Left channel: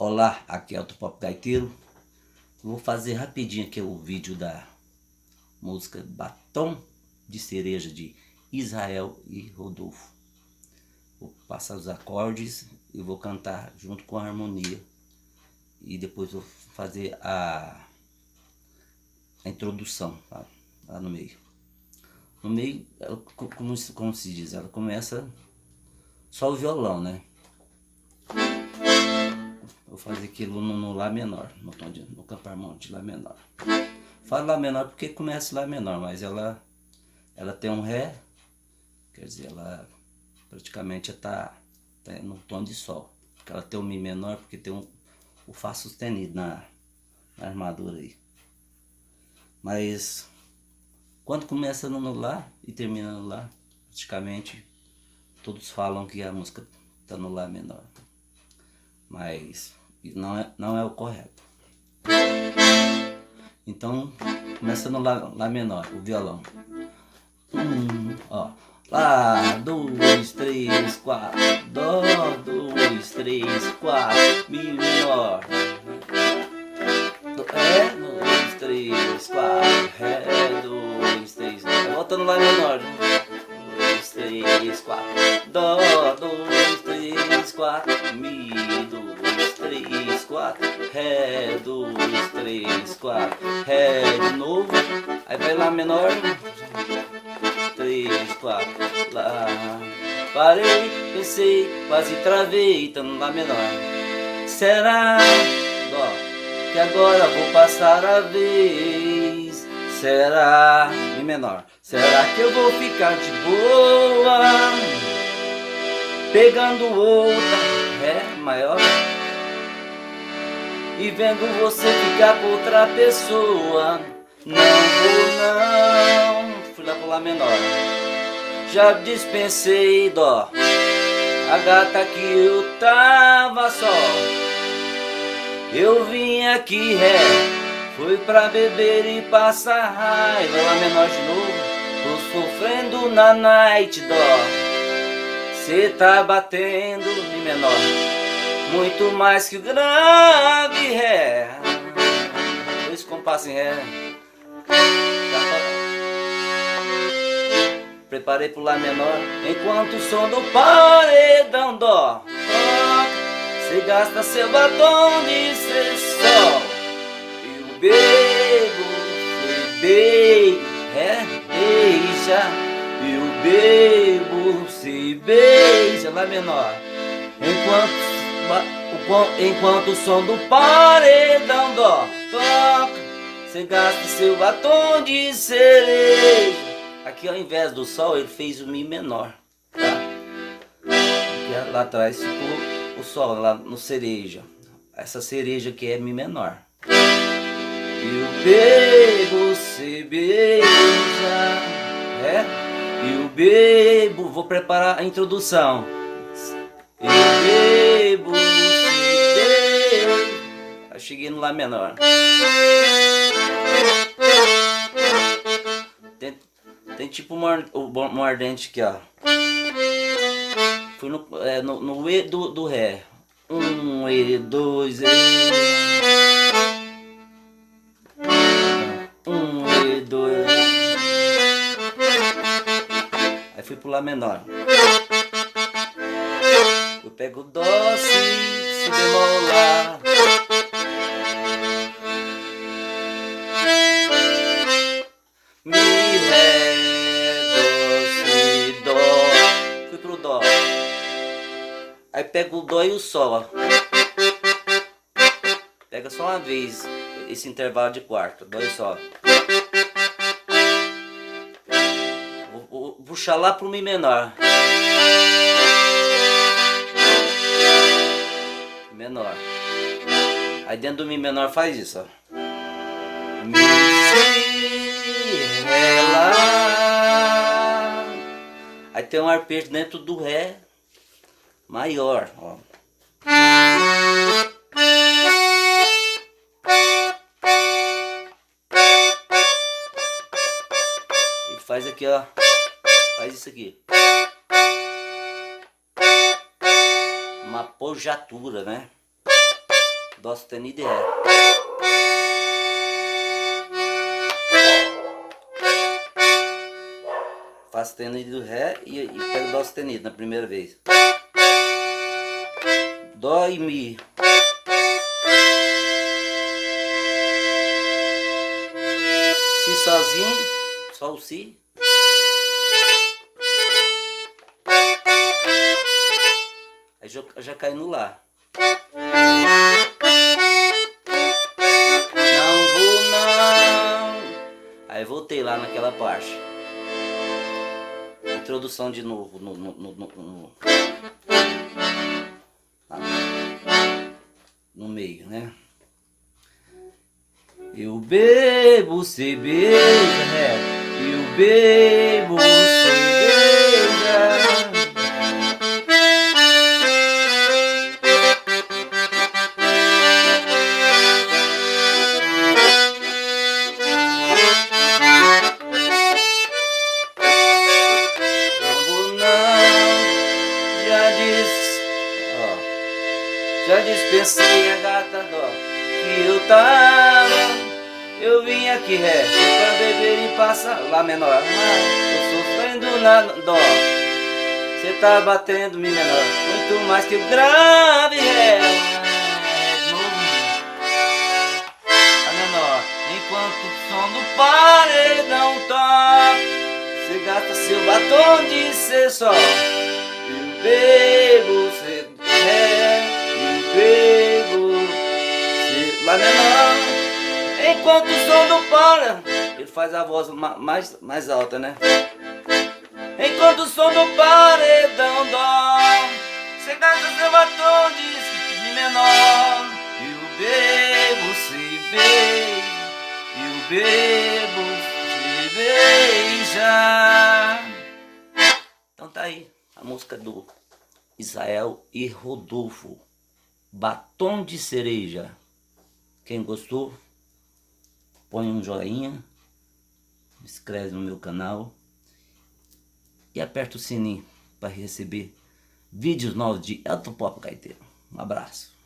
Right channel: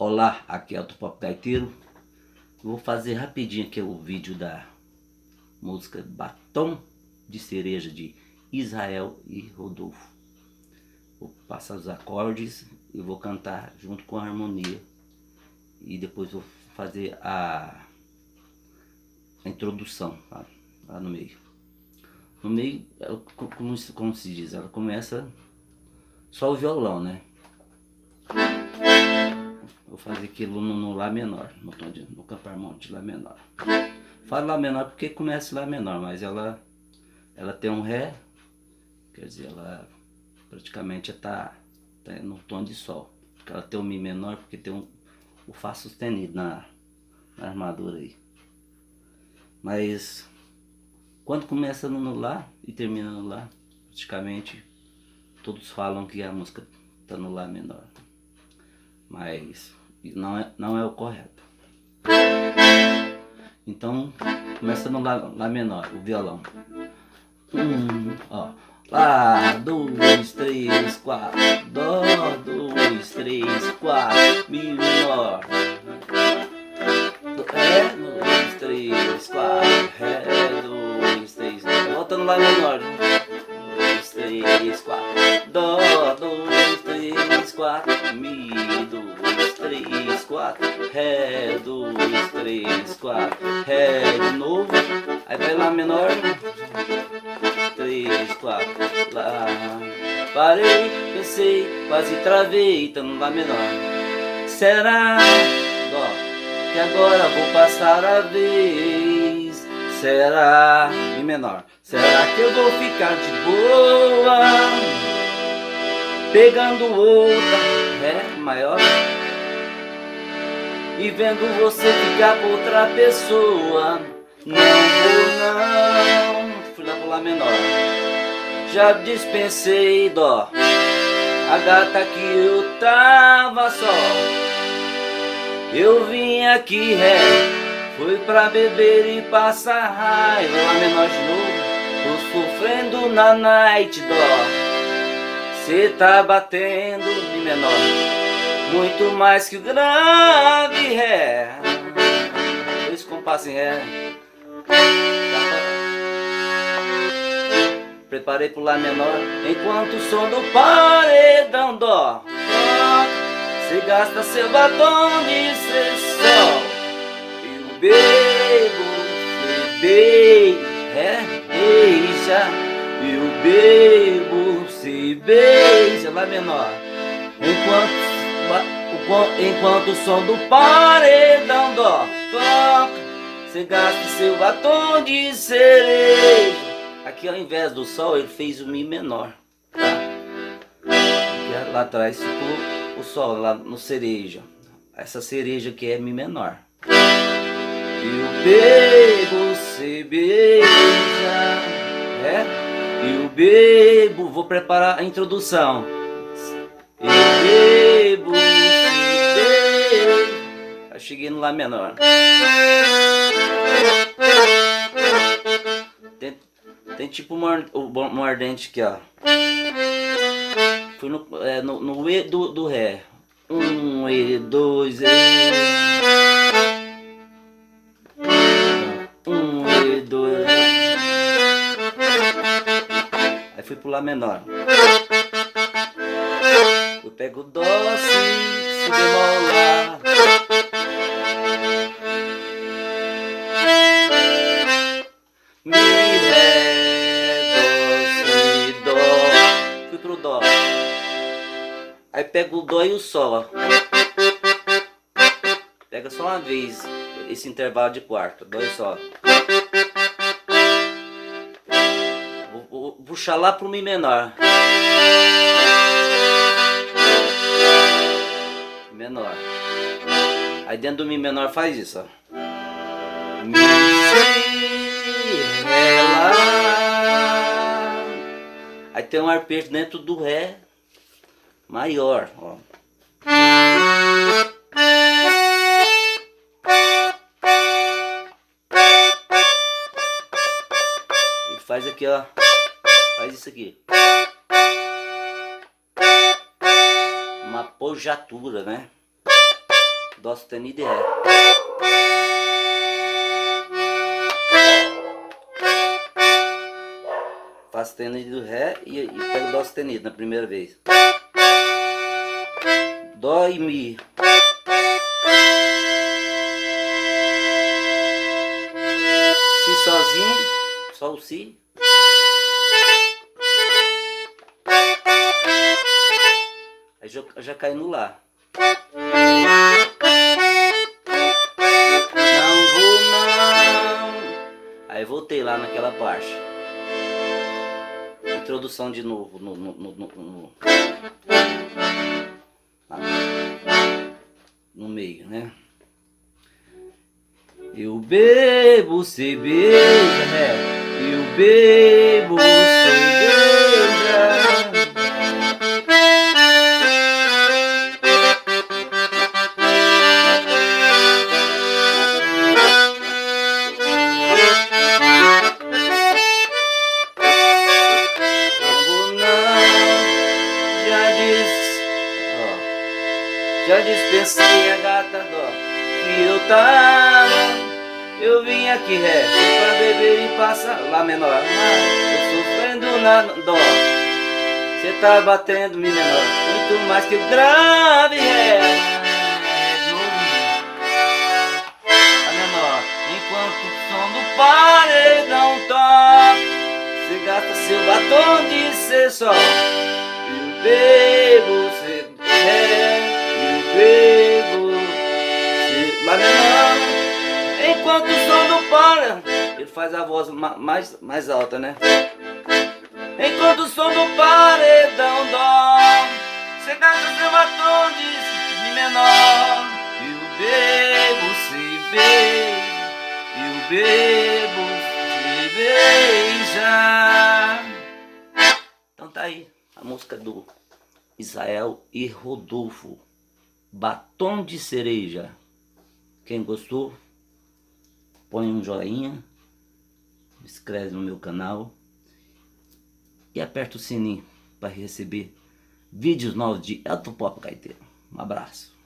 Olá, aqui é o Pop Gaiteiro. Vou fazer rapidinho aqui o vídeo da música Batom de Cereja de Israel e Rodolfo. Vou passar os acordes e vou cantar junto com a harmonia. E depois vou fazer a introdução lá no meio. No meio, ela, como se diz, ela começa só o violão, né? Vou fazer aquilo no Lá menor, no campo harmônico de Lá menor. Falo Lá menor porque começa Lá menor, mas ela tem um Ré, quer dizer, ela praticamente tá no tom de Sol. Ela tem um Mi menor porque tem o Fá sustenido na armadura aí. Mas quando começa no Lá e termina no Lá, praticamente todos falam que a música tá no Lá menor. Mas não é o correto. Então começa no Lá menor, o violão. Ó. Lá, 2, 3, 4, Dó, 2, 3, 4, Mi menor. Ré, 2, 3, 4, Ré, 2, 3, volta no Lá menor. 2, 3, 4, Dó, 2, 3, 4, Mi, 2, 3, 4, Ré, 2, 3, 4, Ré de novo, aí vai Lá menor, 3, 4, Lá, parei, pensei, quase travei, tá no Lá menor, será, ó, que agora vou passar a vez, será, Mi menor, será que eu vou ficar de boa, pegando outra, Ré maior, e vendo você ficar com outra pessoa, não vou não, fui lá pro Lá menor, já dispensei Dó, a gata que eu tava só, eu vim aqui Ré, fui pra beber e passar raiva, Lá menor de novo, tô sofrendo na night Dó, cê tá batendo Mi menor, muito mais que grave Ré, dois compassos em Ré, preparei pro Lá menor, enquanto o som do paredão Dó, cê gasta seu batom de ser sol, eu bebo, beija, eu bebo, se beija, Lá menor, enquanto o som do paredão Dó toca, cê gasta seu batom de cereja. Aqui ao invés do Sol ele fez o Mi menor, tá? Aqui, lá atrás ficou o Sol, lá no cereja. Essa cereja aqui é Mi menor. Eu bebo, cê beija, eu bebo, vou preparar a introdução. Eu bebo, cê beija. Eu cheguei no Lá menor. Tem tipo o mordente aqui, ó. Fui no E do Ré. E, 2, E. E, 2. Aí fui pro Lá menor. Eu pego Dó, Si bemol, Lá. Mi, Ré, Dó, Si, Dó. Fui pro Dó. Aí pego o Dó e o Sol. Pega só uma vez esse intervalo de quarto. Dó e Sol. Vou puxar lá pro Mi menor. Menor. Aí dentro do Mi menor faz isso, ó. Mi, Si, Ré, Lá. Aí tem um arpejo dentro do Ré maior, ó. E faz aqui, ó. Faz isso aqui. Uma pojatura, né? Dó sustenido e Ré. Fá sustenido, Ré e pego Dó sustenido na primeira vez. Dó e Mi. Si sozinho, só o Si. Aí já cai no Lá. Não vou não. Aí voltei lá naquela parte. Introdução de novo no meio, né? Eu bebo, cê beija, réu. Eu bebo, cê beija. Já dispensei a gata dó que eu tava. Eu vim aqui Ré pra beber e passar Lá menor. Eu sofrendo na dó. Cê tá batendo Mi menor. Muito mais que o grave Ré. Lá menor. Enquanto o som do paredão toca, cê gasta seu batom de ser só. Eu bebo, cê Ré. Lá menor, enquanto o som não para. Ele faz a voz mais alta, né? Enquanto o som não paredão dó, cê gasta seu batom de Mi menor. E o bebo se beija, e o bebo se beija. Então tá aí a música do Israel e Rodolfo, Batom de Cereja. Quem gostou, põe um joinha, inscreve no meu canal e aperta o sininho para receber vídeos novos de Elton Pop Gaiteiro. Um abraço.